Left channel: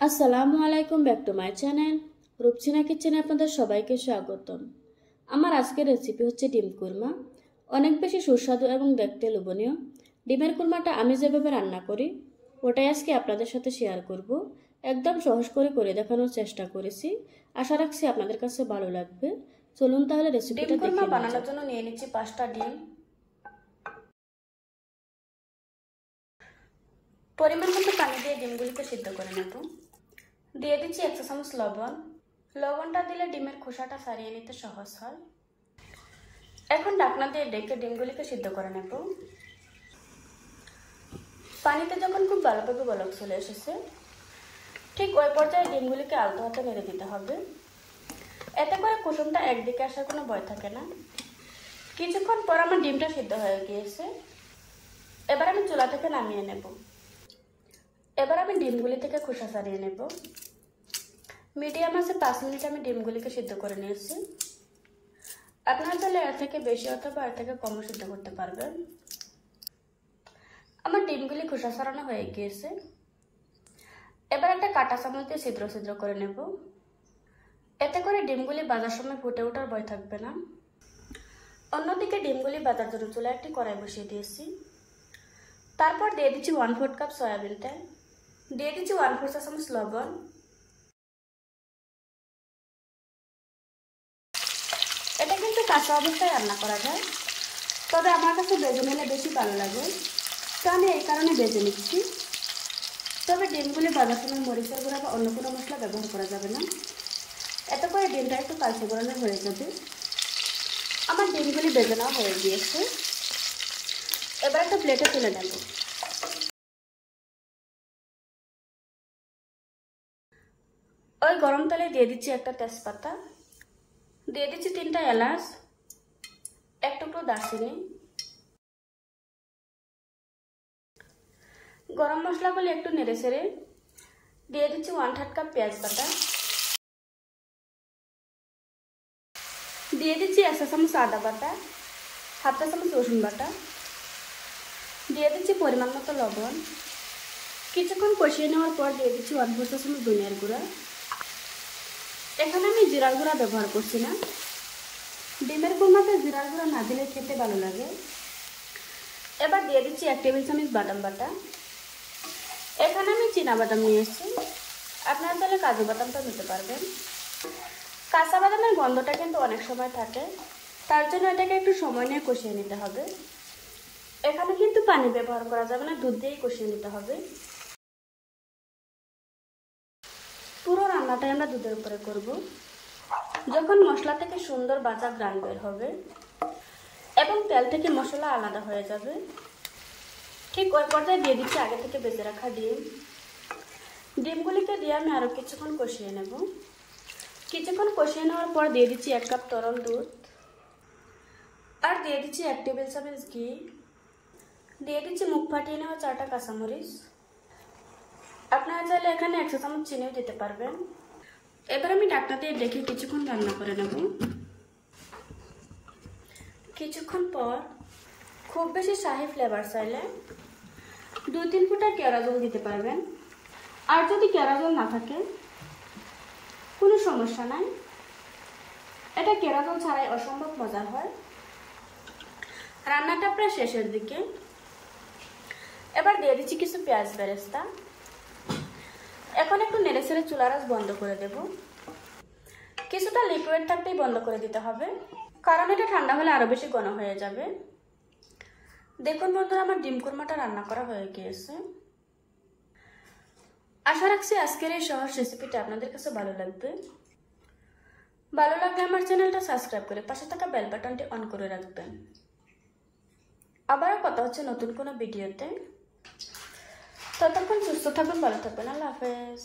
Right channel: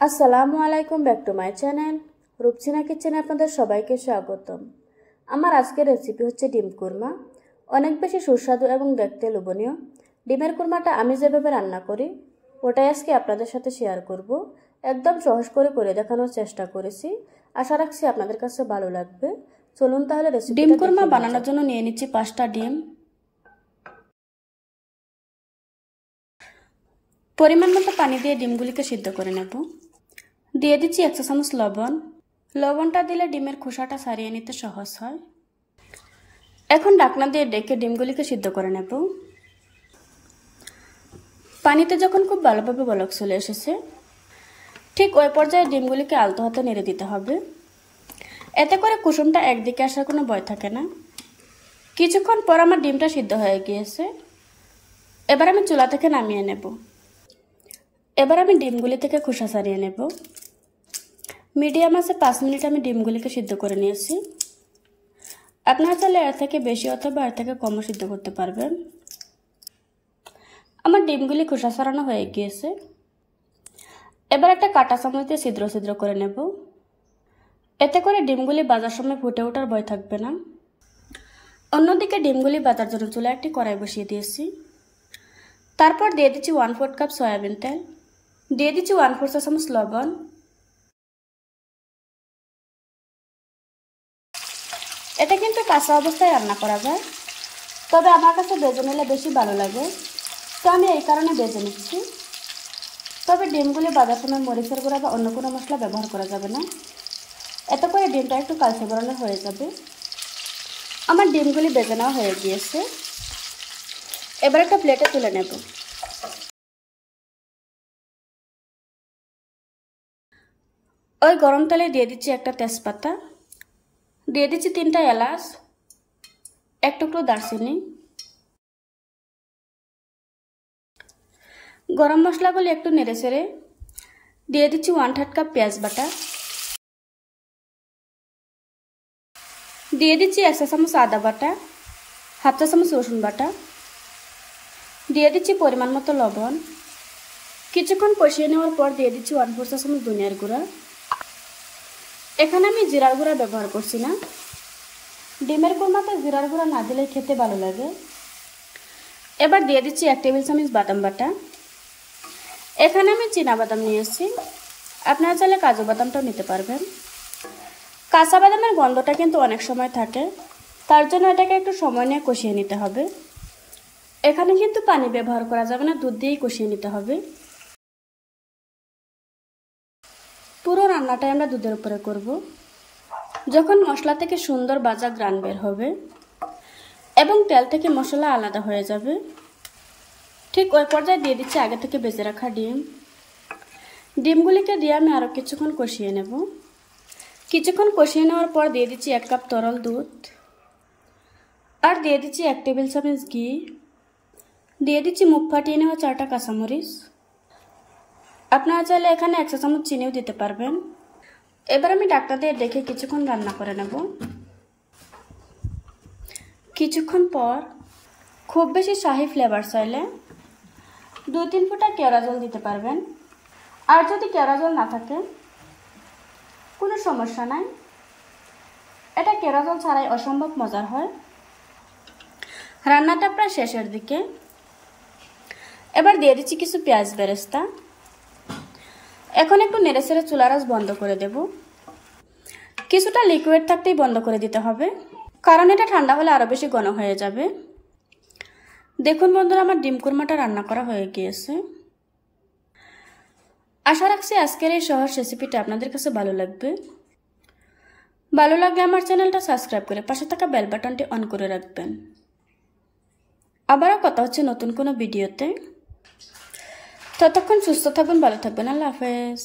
আসসালামু আলাইকুম, back to my channel Rupsina কিচেনে আপনাদের সবাইকে স্বাগতম। আমার আজকের রেসিপি হচ্ছে ডিম কুরমা। অনেক বেশি সুস্বাদু এবং দেখতে লোভনীয় ডিমের কুরমাটা আমি যেভাবে রান্না করি ওটাই আজকে আপনাদের সাথে শেয়ার করব। একদম সহজ করে দেখানোর চেষ্টা করেছি। আশা রাখছি আপনাদের কাছে ভালো লাগবে। চলুন তাহলে রেসিপিটা ডিম কুরমা বানানোর জন্য নিয়ে নিচ্ছি 5টা ডিম। পরিমাণ মতো পানি দিয়ে ডিমগুলিকে সিদ্ধ করে নেব। দিয়ে দিচ্ছি 1 চা চামচ লবণ। লবণটা দিলে ডিমের খোসাটা ছাড়িয়ে নিতে সহজ হয়। এখন ঢাকনা দিয়ে ঢেকে ডিমগুলিকে সিদ্ধ করে নেব। পানিতে যখন খুব ভালোভাবে বলক চলে এসেছে ঠিক ওই পর্যায়ে ডিমগুলিকে আলতো হাতে নেড়ে দিতে হবে। এতে করে কুসুমটা একদিকে আসার কোনো ভয় থাকে না। কিছুক্ষণ পর আমার ডিমটা সিদ্ধ হয়ে গিয়েছে। এবার আমি চুলা থেকে নামিয়ে নেব। এবার আমি ডিমগুলি থেকে খোসা ছাড়িয়ে নেব। মিডিয়াম আঁচে 5 মিনিট আমি ডিমগুলিকে সিদ্ধ করে নিয়েছি। আপনারা চাইলে এর থেকে বেশি অথবা এর থেকে কমও সিদ্ধ করতে পারবেন। আমার ডিমগুলি খোসা ছাড়ানো হয়ে গিয়েছে। এবার একটা কাঁটা চামচ দিয়ে ছিদ্র ছিদ্র করে নেব। এতে করে ডিমগুলি ভাজার সময় ফুটে ওঠার ভয় থাকবে না। অন্যদিকে ডিমগুলি ভাজার জন্য চুলায় একটি কড়াই বসিয়ে দিয়েছি। তারপর দিয়ে দিচ্ছি 1/4 কাপ সয়াবিন তেল। দিয়ে দিচ্ছি 1/4 চা চামচ লবণ। এটা কিন্তু কাঁচা অবস্থায় রান্না করা যায়, তবে আমার কাছে ভেজে নিলে বেশি ভালো লাগে, তো আমি এই কারণে ভেজে নিচ্ছি। তবে ডিমগুলি ভাজার সময় মরিচের গুঁড়া বা অন্য কোনো মশলা ব্যবহার করা যাবে না। এতে করে ডিমটা একটু কালচে বরণের হয়ে যাবে। আমার ডিমগুলি ভেজে নেওয়া হয়ে গিয়েছে। এবার একটা প্লেটে তুলে নেব। ওই গরম তেলে দিয়ে দিচ্ছি একটা তেজপাতা, দিয়ে দিচ্ছি 3টা এলাচ, 1 টুকরো দারচিনি। গরম মশলাগুলি একটু নেড়ে চেড়ে দিয়ে দিচ্ছি 1/3 কাপ পেঁয়াজ বাটা। দিয়ে দিচ্ছি 1 চা চামচ আদা বাটা, 1/2 চা চামচ রসুন বাটা। দিয়ে দিচ্ছি পরিমাণ মতো লবণ। কিছুক্ষণ কষিয়ে নেওয়ার পর দিয়ে দিচ্ছি 1/4 চা চামচ ধনিয়ার গুঁড়া। এখানে আমি জিরার গুঁড়া ব্যবহার করছি না। ডিমের কুরমাতে জিরার গুঁড়া না দিলে খেতে ভালো লাগে। এবার দিয়ে দিচ্ছি 1 টেবিল চামচ বাদাম বাটা। এখানে আমি চীনা বাদাম নিয়েছি, আপনারা চাইলে কাজু বাদামটাও নিতে পারবেন। কাঁচা বাদামের গন্ধটা কিন্তু অনেক সময় থাকে, তার জন্য এটাকে একটু সময় নিয়ে কষিয়ে নিতে হবে। এখানে কিন্তু পানি ব্যবহার করা যাবে না, দুধ দিয়েই কষিয়ে নিতে হবে। পুরো রান্নাটাই আমরা দুধের উপরে করব। যখন মশলা থেকে সুন্দর ভাজা ঘ্রাণ বের হবে এবং তেল থেকে মশলা আলাদা হয়ে যাবে, ঠিক ওই পর্যায়ে দিয়ে দিচ্ছি আগে থেকে ভেজে রাখা ডিম। ডিমগুলিকে দিয়ে আমি আরও কিছুক্ষণ কষিয়ে নেব। কিছুক্ষণ কষিয়ে নেওয়ার পর দিয়ে দিচ্ছি 1 কাপ তরল দুধ, আর দিয়ে দিচ্ছি 1 টেবিল চামচ ঘি। দিয়ে দিচ্ছি মুখ ফাটিয়ে নেওয়া 4টা কাঁচামরিচ। আপনারা চাইলে এখানে 1 চা চামচ চিনিও দিতে পারবেন। এবার আমি ঢাকনা দিয়ে ঢেকে কিছুক্ষণ রান্না করে নেব। কিছুক্ষণ পর খুব বেশি শাহি ফ্লেভার চাইলে 2-3 ফোঁটা কেওড়া জল দিতে পারবেন। আর যদি কেওড়া জল না থাকে কোনো সমস্যা নাই, এটা কেওড়া জল ছাড়াই অসম্ভব মজার হয়। রান্নাটা প্রায় শেষের দিকে। এবার দিয়ে দিচ্ছি কিছু পেঁয়াজ বেরেস্তা। এখন একটু নেড়ে চেড়ে চুলার আঁচ বন্ধ করে দেব। কিছুটা লিকুইড থাকতেই বন্ধ করে দিতে হবে, কারণ এটা ঠান্ডা হলে আরও বেশি ঘন হয়ে যাবে। দেখুন বন্ধুরা, আমার ডিম কুরমাটা রান্না করা হয়ে গিয়েছে। আশা রাখছি আজকের এই সহজ রেসিপিটা আপনাদের কাছে ভালো লাগবে। ভালো লাগলে আমার চ্যানেলটা সাবস্ক্রাইব করে পাশে থাকা বেল বাটনটি অন করে রাখবেন। আবারও কথা হচ্ছে নতুন কোনো ভিডিওতে। ততক্ষণ সুস্থ থাকবেন, ভালো থাকবেন। আল্লাহ হাফেজ।